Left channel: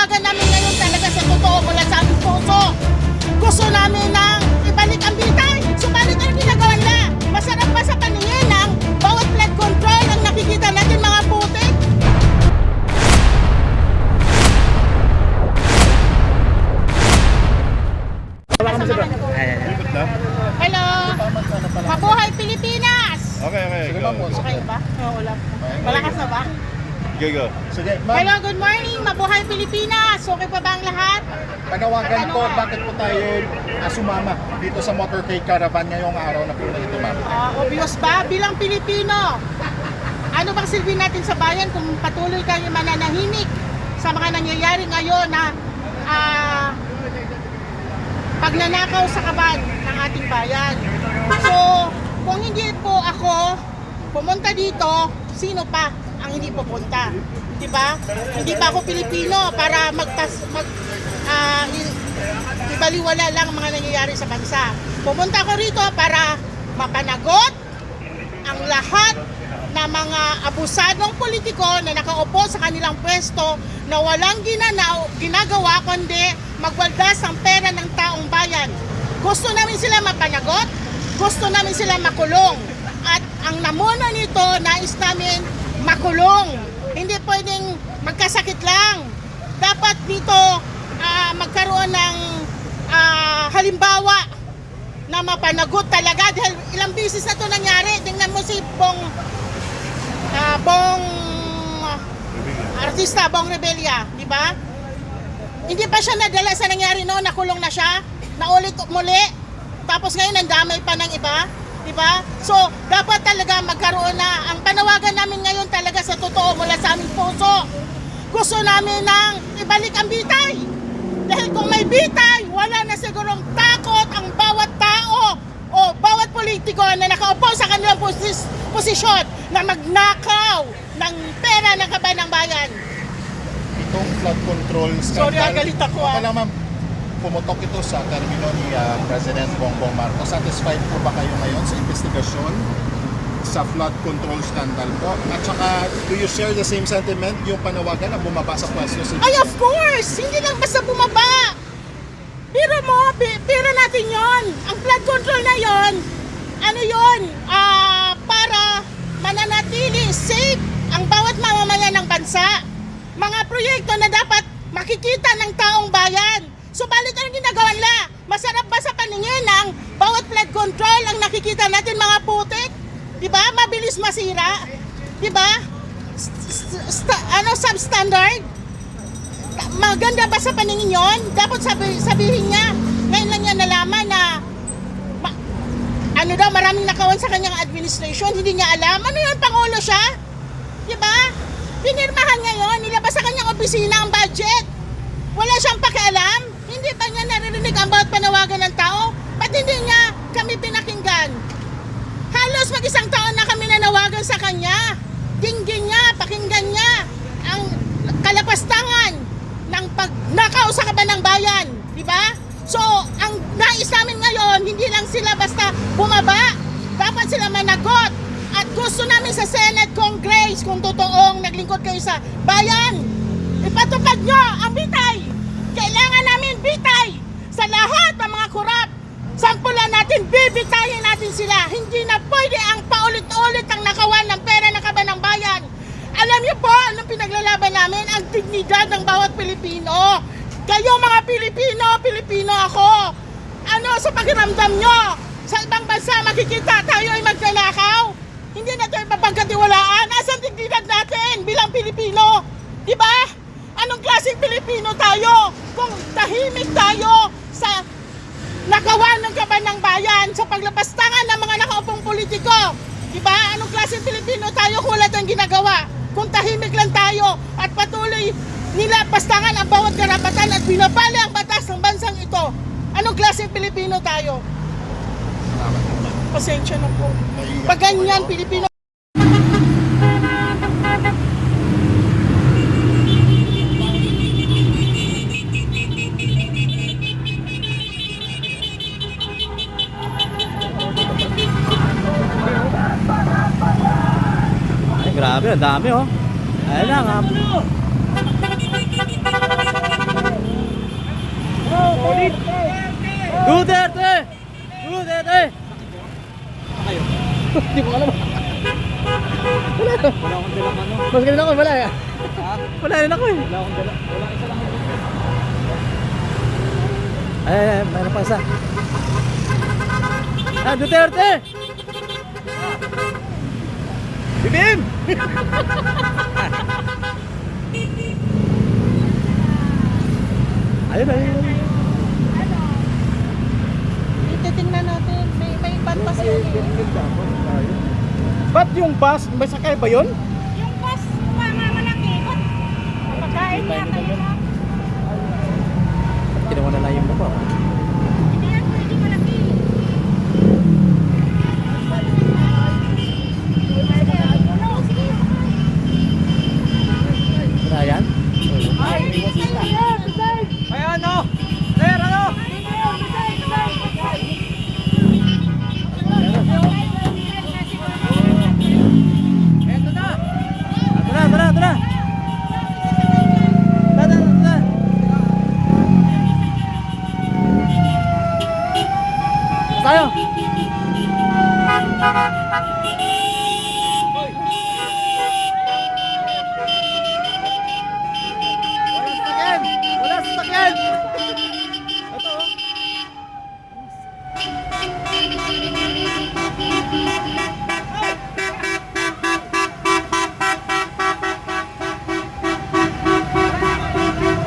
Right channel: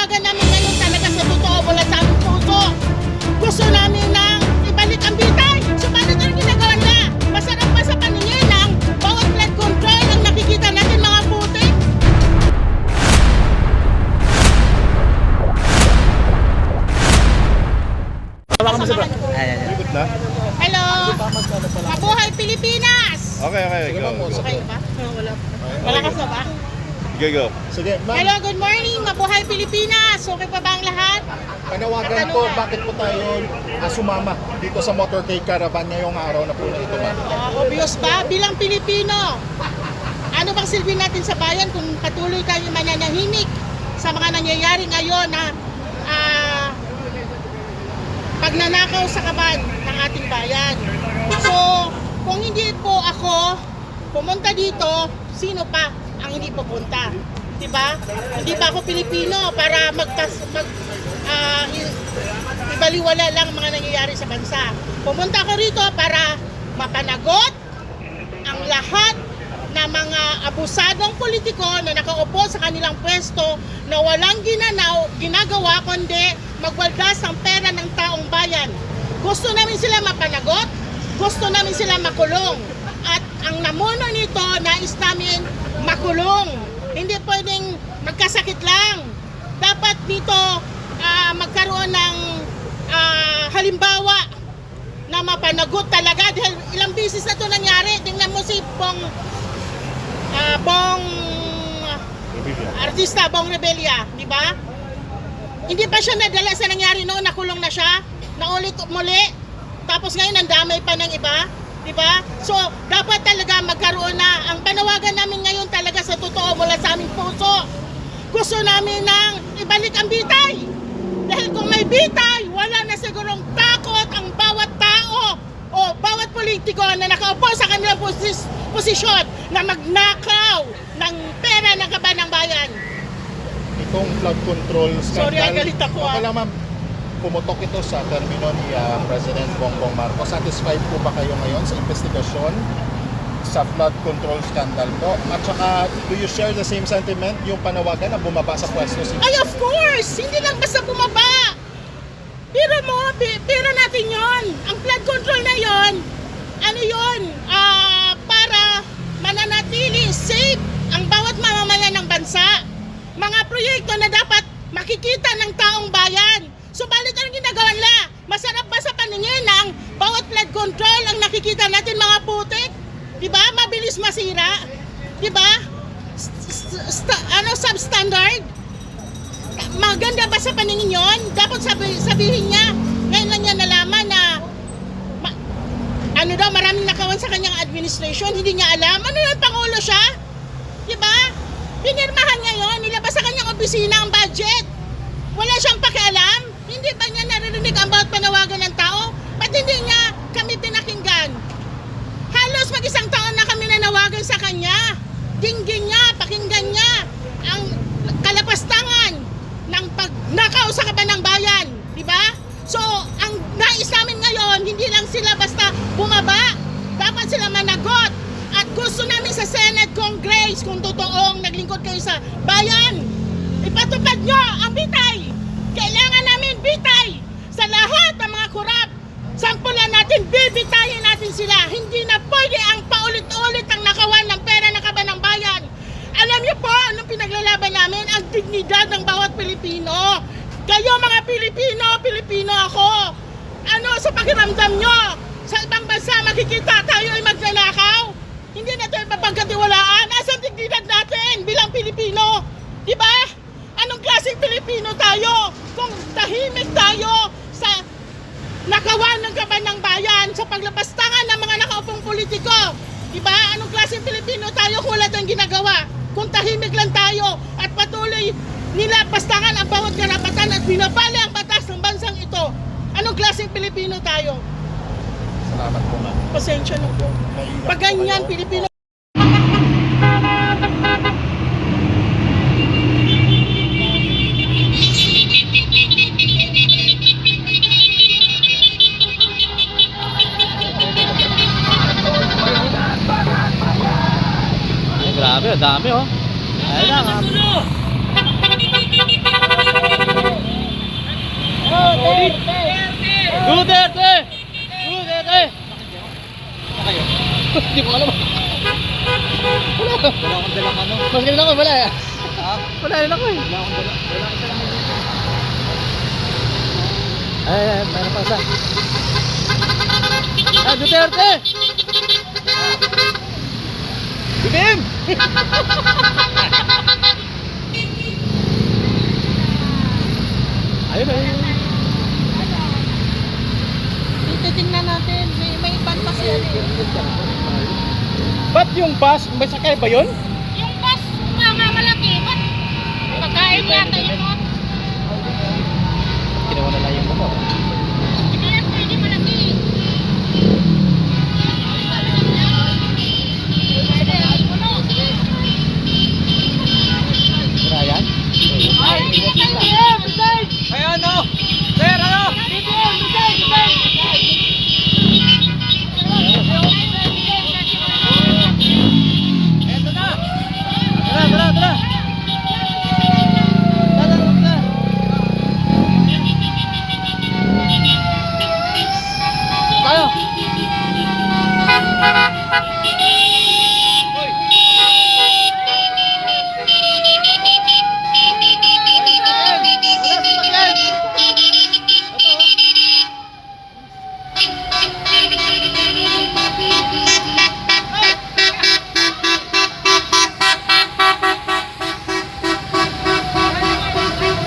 panawagan namin ngayon talaga sa totoo mula sa aming puso. Gusto namin nang ibalik ang bitay. Subalit ang ginagawa nila, masarap pa sa paningin ng bawat flood control ang nakikita natin mga putik. Hello! Mabuhay Pilipinas! Okay. Okay na ba? Wala pa. Malakas na ba? Go. Sige, ma'am. Hello, good morning! Mabuhay Pilipinas! Okay pa ba ang lahat? Panawagan ko, bakit po tayo sumama dito sa motorcade caravan ngayong araw na po na ito, ma'am? Obvious ba? Bilang Pilipino, ano bang silbi natin sa bayan kung patuloy tayo mananahimik sa mga nangyayari ngayon na pagnanakaw sa kaban ng ating bayan? So, kung hindi po ako pumunta dito, sino pa ang hindi pupunta? Diba? Hindi pa ako Pilipino para ibaliwala lang ang mga nangyayari sa bansa. Pumunta ako rito para mapanagot ang lahat na mga abusadong politiko na nakaupo sa kanilang pwesto na walang ginagawa kundi magwaldas ng pera ng taong bayan. Gusto namin sila mapanagot, gusto namin sila makulong. At ang namuno nito, nais namin makulong. Hindi pwedeng magkasakit lang. Dapat dito magkaroon ng halimbawa na mapanagot talaga. Dahil ilang beses na ito nangyari. Tingnan mo si artista Bong Revilla, di ba? Hindi pa siya nadala sa nangyari noon, nakulong na siya, naulit muli, tapos ngayon nandamay pa ng iba, di ba? So, dapat talaga magkaroon na, ang panawagan namin ngayon talaga sa totoo mula sa aming puso. Gusto namin nang ibalik ang bitay. Dahil kung may bitay, wala na sigurong takot ang bawat tao o bawat politiko na nakaupo sa kanilang posisyon na magnakaw ng pera ng kaban ng bayan. Itong flood control scandal. Sorry, galit ako. Okay lang, ma'am. Pumutok ito sa termino ni President Bongbong Marcos. Satisfied po ba kayo ngayon sa investigasyon sa flood control scandal po? At saka, do you share the same sentiment, yung panawagan na bumaba sa pwesto si... Ay, of course! Hindi lang basta bumaba. Pero natin yon. Ang flood control na yon, ano yon? Para mananatili safe ang bawat mamamayan ng bansa. Mga proyekto na dapat makikita ng taong bayan. Subalit ang ginagawa nila, masarap ba sa paningin ng bawat flood control ang nakikita natin mga putik? Diba? Mabilis masira. Diba? Substandard? Maganda ba sa paningin yon? Dapat sabihin niya. Ngayon lang niya nalaman na maraming nakawan sa kanyang administration. Hindi niya alam. Ano yun? Pangulo siya? Diba? Pinirmahan niya yun. Nilabas sa kanyang opisina ang budget. Wala siyang pakialam. Hindi ba niya naririnig ang bawat panawagan ng tao? Ba't hindi niya kami pinakinggan? Halos mag-isang taon na kami nanawagan sa kanya. Dinggin niya, pakinggan niya ang kalapastangan ng pagnakaw sa kaban ng bayan. Diba? So, ang nais namin ngayon, hindi lang sila basta bumaba. Dapat sila managot. At gusto namin sa Senate, Congress, kung totoong naglingkod kayo sa bayan, ipatupad nyo ang bitay. Kailangan namin bitay sa lahat ng mga korap. Sampulan natin, bibitayin natin sila. Hindi na pwede ang paulit-ulit ang nakawan ng pera ng kaban ng bayan. Alam niyo po, anong pinaglalaban namin? Ang dignidad ng bawat Pilipino. Kayo mga Pilipino ako. Ano sa pakiramdam nyo? Sa ibang bansa makikita tayo ay magnanakaw? Hindi na tayo mapagkatiwalaan. Asan dignidad natin bilang Pilipino? Diba? Anong klaseng Pilipino tayo? Kung tahimik tayo sa nakawan ng kaban ng bayan, sa paglapastangan ng mga nakaupong politiko. Diba? Anong klaseng Pilipino tayo kung wala tayong ginagawa? Kung tahimik lang tayo at patuloy nila pastangan ang bawat karapatan at binabali ang batas ng bansang ito. Anong klaseng Pilipino tayo? Salamat po, ma'am. Pasensya na po. Pag ganyan, Pilipino. Ay, grabe, ang dami oh. Ayun lang, Mas ganun ako, wala. Wala rin ako eh. Ay, meron pa isa. Ah, Duterte! BBM! Ayun, ayun. Titingnan natin. May iban pa siya. Ba't yung bus, may sakay ba yun? Yung bus, mga malaki. Pagkain yata yun. Kinuha na lang yung motor. Hindi yan pwede malaki. Kaya yan? Ay, Ay ano? Sir, ano? Tara, tara, tara! Tara, tara! Tayo!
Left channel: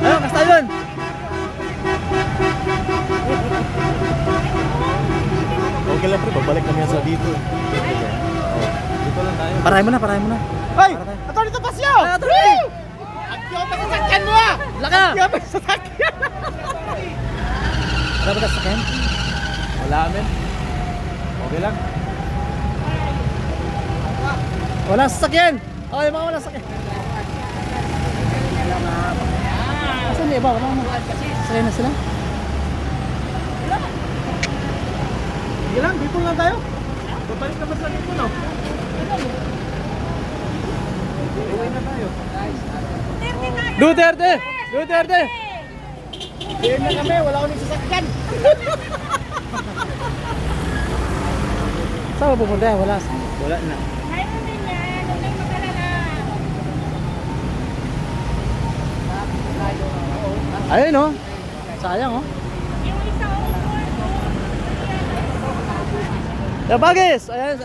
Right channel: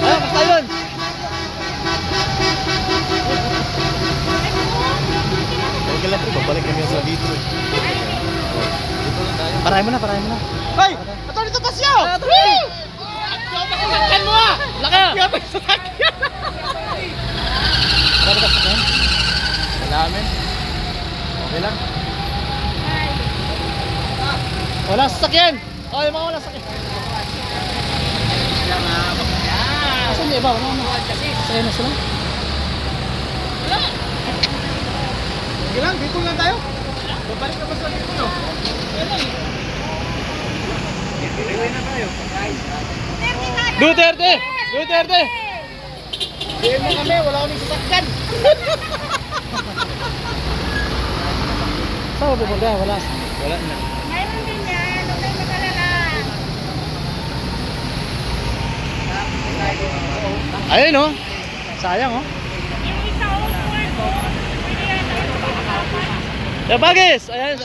Ayun, basta yun! Okay lang bro, balik kami sa dito. Parahin mo na, parahin mo na. Hey! Ito dito ba siya? Sakyan mo ah! Laka! Yata sa sakyan! Wala ba sakyan? Wala amin. Okay lang. Wala sasakyan! Okay, mga wala sasakyan. Asan yung iba? Wala na. Sakyan na sila. Sige lang, dito lang tayo. Balik na ba sa dito? No? Iuwi na tayo. Duterte! Duterte! BM na kami, wala kami sasakyan. Saan mo pupunta yan? Wala. Wala na. Mayroon din yan. Huwag kayo mag-alala. Ayun oh. Sayang oh. The Bagis! Ayan.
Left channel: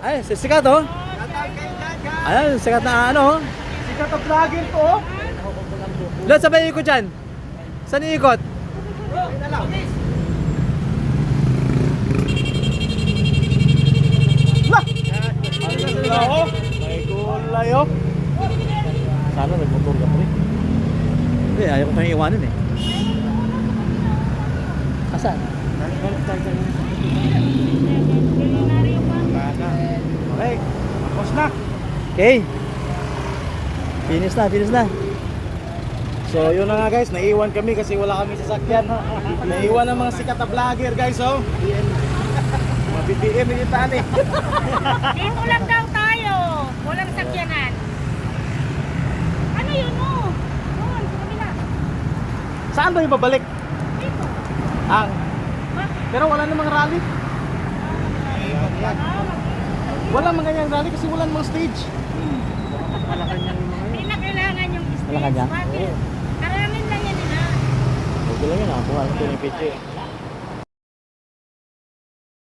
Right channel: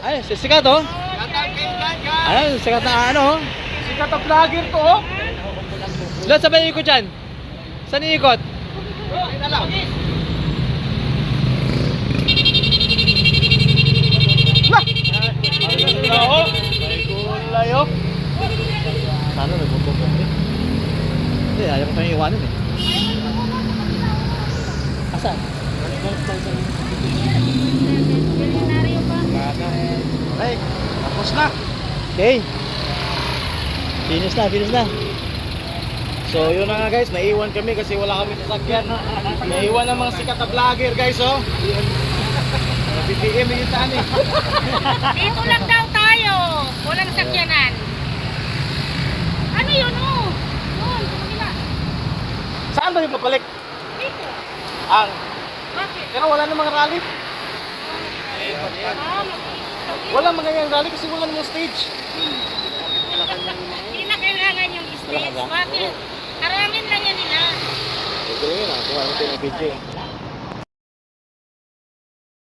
Ayan, sikat oh. Ayan, sikat na ano oh. Sikat ang vlogger ko, oh. Doon, sabay ikot dyan. Saan iikot? Ay na lang. Layo. Sana nagmotor ka rin. Hindi, ayaw ko kayong iwanin eh. Asan? Wala na. Okay, tapos na. Okay. Finish na, finish na. So yun na nga guys, naiwan kami kasi wala kami sasakyan. Naiwan ang mga sikat na vlogger guys, oh. BBM yung tani. Dito lang daw tayo. Walang sakyanan. Ano yun oh? Doon, sa kanila. Saan tayo babalik? Dito. Ah, Bakit? pero wala namang rally. Ah, Wala mga yung rally kasi wala namang stage. Hindi na kailangan yung stage. Wala ka dyan? Bakit? Aramin lang yan nila. Ito lang yun ah. Kuha ko ito ng picture.